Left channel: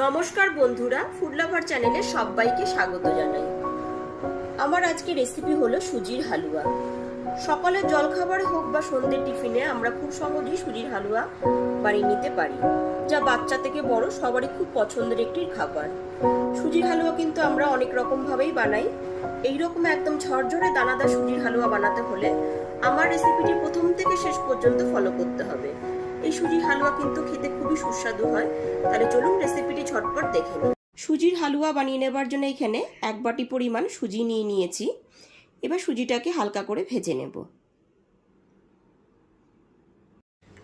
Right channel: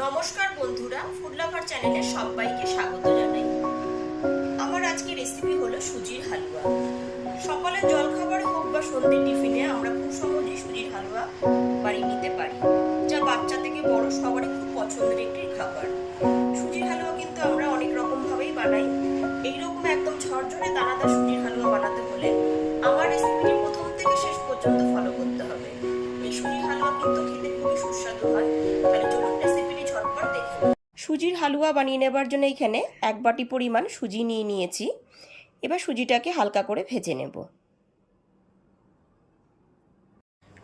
নমস্কার বন্ধুরা food lover চ্যানেলে সবাইকে স্বাগত জানাই। আমার আজকে রেসিপি হলো সুজির হালুয়া। সকালের জলখাবারে হোক বা সন্ধ্যে টিফিনে আমরা খুব সহজেই সুজির হালুয়া বানিয়ে নিতে পারি, যা বাচ্চা থেকে বড় সবারই খুব পছন্দের একটি খাবার। সুজির হালুয়া কিন্তু আমরা অনেক রকম ভাবেই বানাই। এইরকম একদম ঝরঝরে দানাদার সুজির হালুয়া বানাতে হলে আমার রেসিপিটি প্রথম থেকে শেষ পর্যন্ত ফলো করতে হবে। সুজির হালুয়া কিন্তু খেতে খুবই সুস্বাদু হয়। তাহলে চলুন রেসিপিটি ঝটপট দেখে সুজির হালুয়া বানিয়ে নেবার জন্য এখানে এক বাটি পরিমাণ সুজি নিয়ে নিয়েছি। এবার সুজিটাকে হালকা করে ভেজে নেব।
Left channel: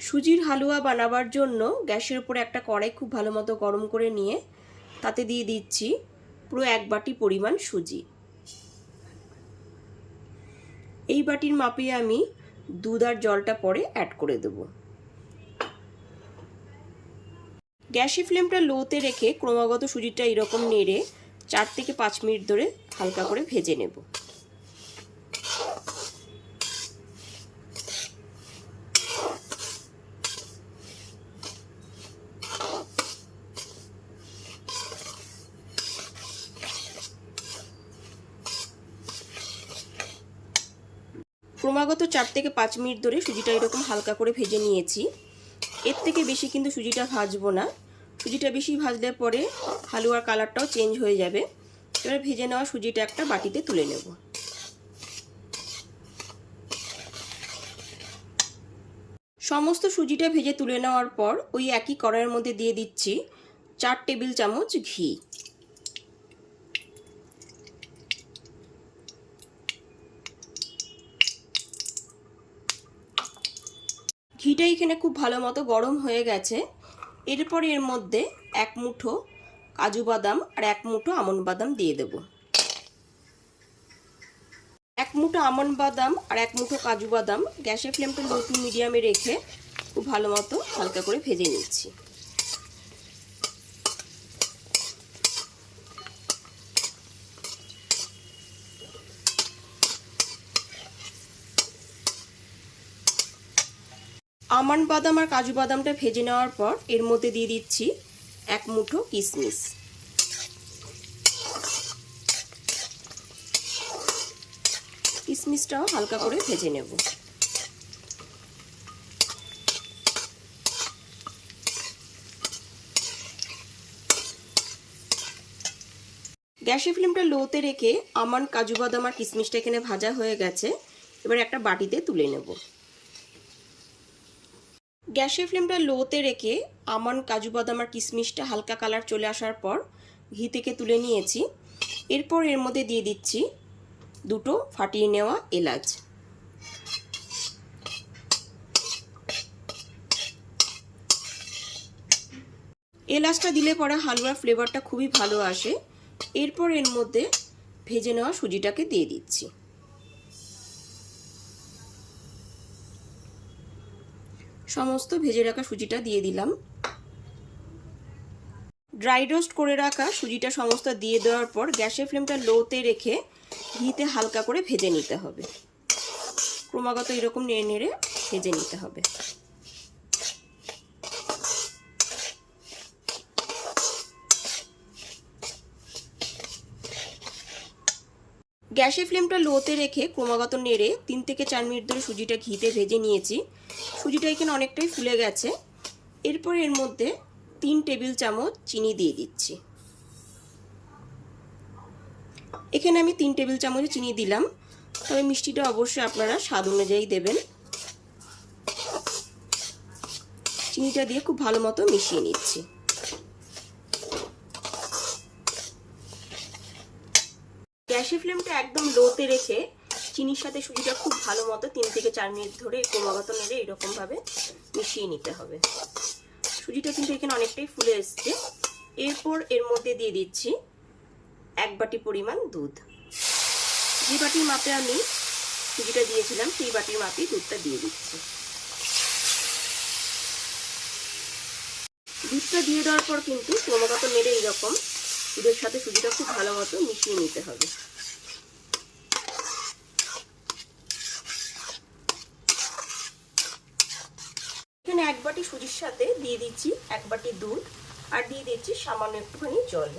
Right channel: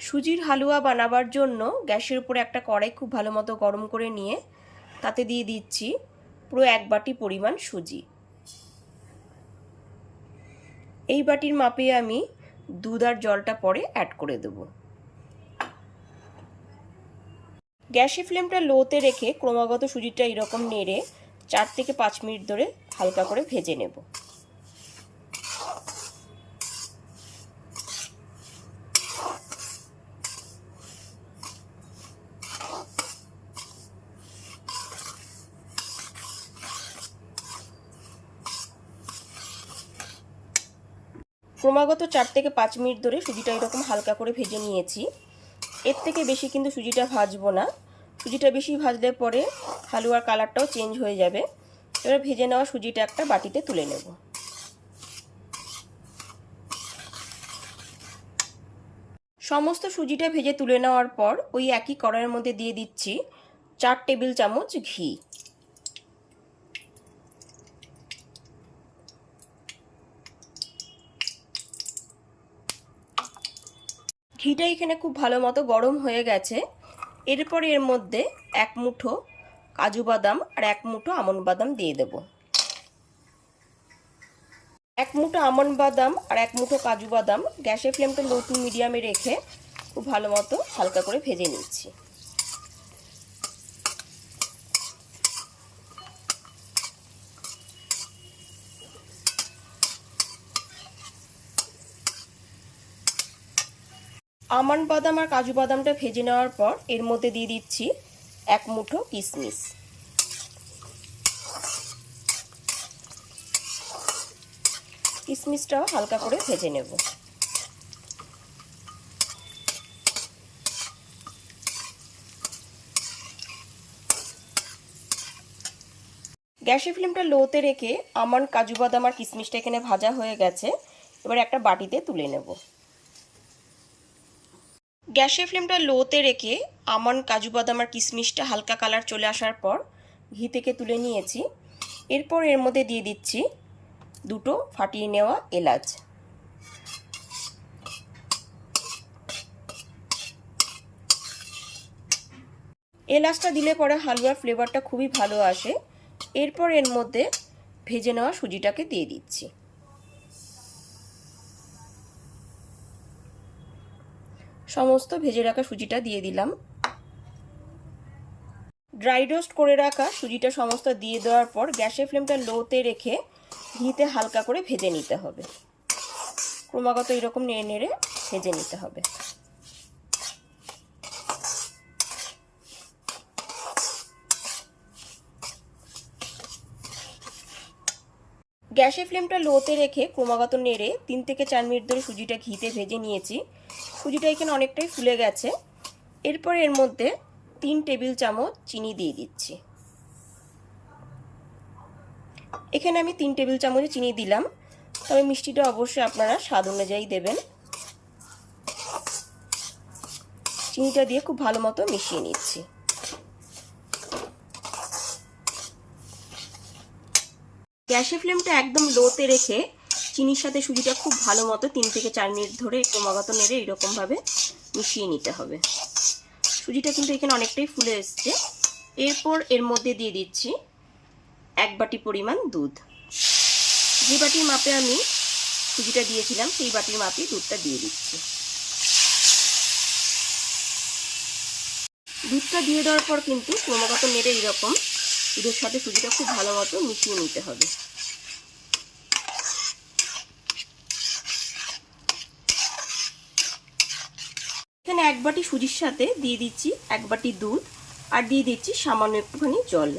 সুজির হালুয়া বানাবার জন্য গ্যাসের উপরে একটা কড়াই খুব ভালো মতো গরম করে নিয়ে তাতে দিয়ে দিচ্ছি পুরো এক বাটি পরিমাণ সুজি। এই বাটির মাপে আমি দুধ আর জলটা পরে অ্যাড করে দেবো। গ্যাসের ফ্লেমটা লোতে রেখে ক্রমাগত সুজিটা এরকম নেড়ে চার থেকে পাঁচ মিনিট ধরে হালকা করে ভেজে নেব। ক্রমাগত চার থেকে পাঁচ মিনিট ধরে সুজিটা এরকম হালকা করে ভেজে নিয়েছি। এর থেকে বেশি কিন্তু সুজিটা ভাজবো না। সুজিটা বেশি ভাজলে পরে হালুয়ার কালারটাও চেঞ্জ হয়ে যাবে। এবার ভেজে নেওয়া সুজিটা একটা বাটিতে তুলে নেব। সমস্ত সুজিটা ভেজে তুলে নেওয়ার পর ওই একই কড়াইয়ের মধ্যে দিয়ে দিচ্ছি চার টেবিল চামচ ঘি। ঘিটা এখানে খুব ভালো মতো গরম হয়ে গেছে। এরপর এর মধ্যে এক মুঠো কাজু বাদাম আর এক মুঠো আমন বাদাম দিয়ে দেব। এক মুঠো আমন বাদাম আর এক মুঠো কাজু বাদাম গ্যাসের ফ্লেমটা লো টু মিডিয়ামে রেখে খুব ভালো মতো হালকা করে ভেজে নিচ্ছি। আমন্ড বাদাম আর কাজু বাদামটা ভেজে নেওয়ার পর এর মধ্যে দিয়ে দিচ্ছি এক মুঠো কিশমিশ কিশমিশটাও হালকা করে ভেজে নেব। গ্যাসের ফ্লেমটা লোতে রেখে আমন্ড, কাজু বাদাম আর কিশমিশটা এখানে ভাজা হয়ে গেছে। এবার একটা বাটিতে তুলে নেব। গ্যাসের ফ্লেমটা লোতে রেখে আমন্ড কাজু বাদাম আর কিশমিশটা হালকা কালার চলে আসার পর ঘি থেকে তুলে নিয়েছি। এরপর এর মধ্যে দিয়ে দিচ্ছি দুটো ফাটিয়ে নেওয়া এলাচ। এলাচটা দিলে পরে হালুয়ার ফ্লেভারটা খুবই ভালো আসে। এরপর এর মধ্যে ভেজে নেওয়া সুজিটাকে দিয়ে দিচ্ছি। সমস্ত ভেজে রাখা সুজিটা দিয়ে দিলাম। ড্রাই রোস্ট করে রাখা সুজিটা সমস্ত দিয়ে দেওয়ার পর গ্যাসের ফ্লেমটা লোতে রেখে ঘিতে হালকা করে ভেজে নিতে হবে। ক্রমাগত এরকম নেড়ে নেড়ে ভেজে নিতে হবে। গ্যাসের ফ্লেমটা লোতে রেখে ক্রমাগত নেড়ে তিন থেকে চার মিনিট ধরে সুজিটা ঘিতে ভেজে নিয়েছি। সুজিটা এখানে অনেকটাই ফুলে গেছে। এরপর এর মধ্যে তিন টেবিল চামচ চিনি দিয়ে দিচ্ছি। এখানে আমি তিন টেবিল চামচ চিনি দিলাম। তবে মিষ্টিটা অবশ্যই আপনারা স্বাদ অনুযায়ী দেবেন। চিনিটা দিয়ে খুব ভালো মতো মিশিয়ে নিচ্ছি। গ্যাসের ফ্লেমটা একদম লোতে রেখে চিনির সাথে সুজিটা খুব ভালো মতো তিন থেকে চার মিনিট ধরে ক্রমাগত নেড়ে এরকমভাবে মিশিয়ে নিতে হবে। সুজিটা কিন্তু এখানে অনেকটাই ফুলে এসছে। এরপর এর মধ্যে দিয়ে দিচ্ছি এক বাটি পরিমাণ দুধ। যে বাটির মাপে আমি সুজিটা দিয়েছিলাম, সেই বাটির মাপেই দুধটা দিয়ে দিচ্ছি। দুধটা দিয়ে দেওয়ার পর কিন্তু ক্রমাগত নেড়ে এরকম দুধের সাথে সুজিটা খুব ভালো মতো মিশিয়ে নিতে হবে। এখানে এক বাটি সুজির সাথে দিয়ে দিচ্ছি এক বাটি দুধ আর দিয়ে দিচ্ছি সামান্য একটুখানি জল।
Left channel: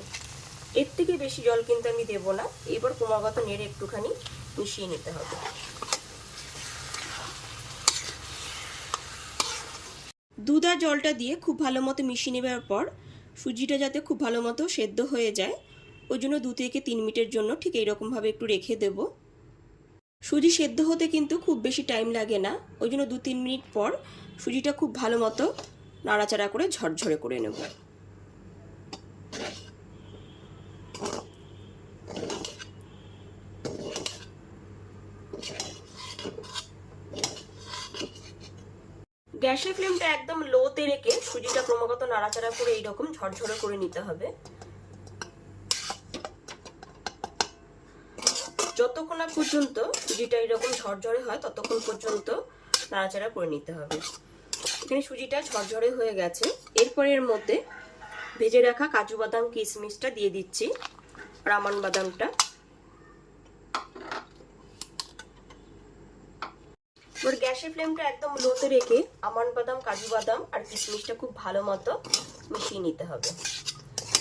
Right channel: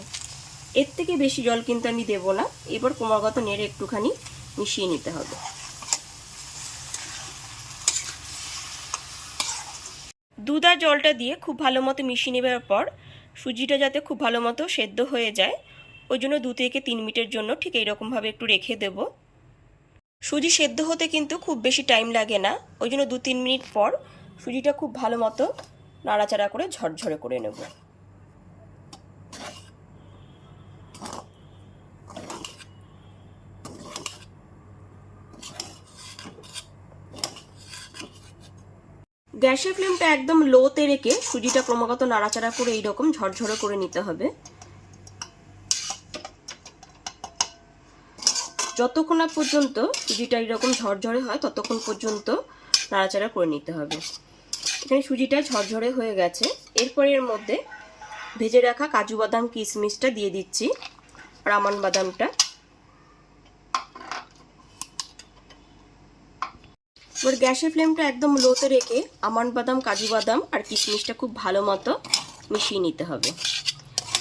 এর থেকে বেশি জল কিন্তু আমি দেব না। এবার ক্রমাগত নেড়ে একটুখানি মিশিয়ে নিতে হবে। দুধ আর জলটা দিয়ে খুব ভালো মতো মিশিয়ে নেবার পর সুজিটা যাতে খুব ভালো মতো সেদ্ধ হয়ে যায়, ওই জন্য দু থেকে তিন মিনিটের জন্য ঠিক এইরকমভাবে একটু রেখে দেব। সুজি সেদ্ধ হতে কিন্তু খুব বেশি টাইম লাগে না, ওই জন্য দু তিন মিনিট পর সুজিটা খুব ভালো মতো নাড়াচাড়া করে ঝরঝরে করে নেব। গ্যাসের ফ্লেমটা একদম লোতে রেখে সুজিটা ক্রমাগত নাড়াচাড়া করে এইরকম ঝরঝরে করে নিতে হবে। যতক্ষণ না পর্যন্ত সুজিটা এরকম ঝরঝরে হয়, ততক্ষণ পর্যন্ত নাড়াচাড়া করে নিতে হবে। এখানে সুজিটা ঝরঝরে হয়ে গেছে। এরপর এর মধ্যে ভেজে রাখা কাজু বাদাম কিশমিশটা দিয়ে দিচ্ছি, আর আমন বাদামটা। এবার গ্যাসের ফ্লেমটা একদম লোতে রেখে আমন্ড বাদাম, কাজু বাদাম আর কিশমিশটা খুব ভালো মতো মিশিয়ে নিতে হবে।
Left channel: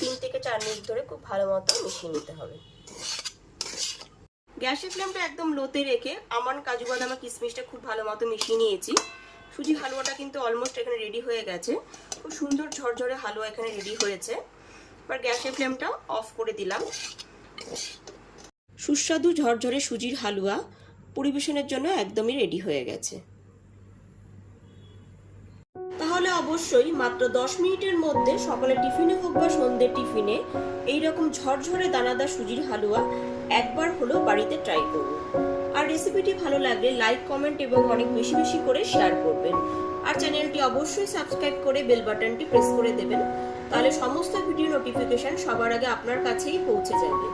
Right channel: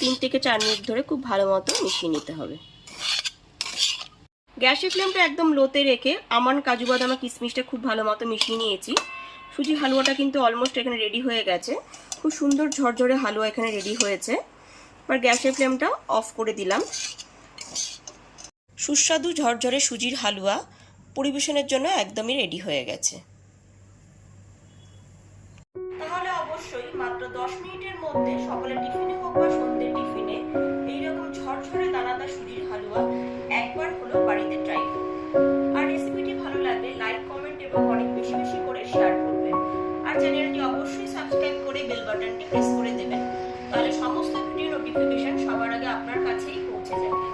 তিন থেকে চার মিনিট ধরে খুব ভালো মতো মিশিয়ে নিতে হবে। গ্যাসের ফ্লেমটা একদম লোতে রেখে আমান কাজু বাদাম আর কিশমিশটা খুব ভালো মতো মিশিয়ে নিয়েছি। সুজি হালুয়াটা কিন্তু অলমোস্ট এখানে রেডি হয়ে গেছে। খুব সুন্দর ঝরঝরে হালুয়া এখানে রেডি হয়েছে। এবার গ্যাসের ফ্লেমটা অফ করে দিলাম। সুস্বাদু ঝরঝরে সুজির হালুয়া পরিবেশনের জন্য একদমই রেডি হয়ে গেছে। তাহলে অবশ্যই মাত্র দশ মিনিটের মধ্যে সকালের টিফিনে হোক বা সন্ধ্যের টিফিনে এইরকম ঝরঝরে দানাদার সুজির হালুয়া একবার হলেও বাড়িতে ট্রাই করুন। আর রেসিপিটি ভালো লাগলে লাইক কমেন্ট এবং অনেক বেশি বেশি করে শেয়ার করবেন। আর চ্যানেলটি অবশ্যই সাবস্ক্রাইব করে বেল বাটনটি প্রেস করে দেবেন। তাহলে সমস্ত ভিডিও নোটিফিকেশন সবার আগে আপনার কাছেই পৌঁছে যাবে।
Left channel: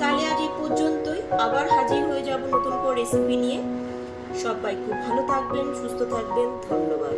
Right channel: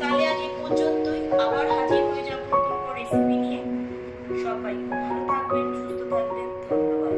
তাহলে আজ এই পর্যন্তই। আবার হাজির হয়ে যাব নতুন করে রেসিপি নিয়ে। সবাই খুব ভালো থাকবেন, সুস্থ থাকবেন। ধন্যবাদ।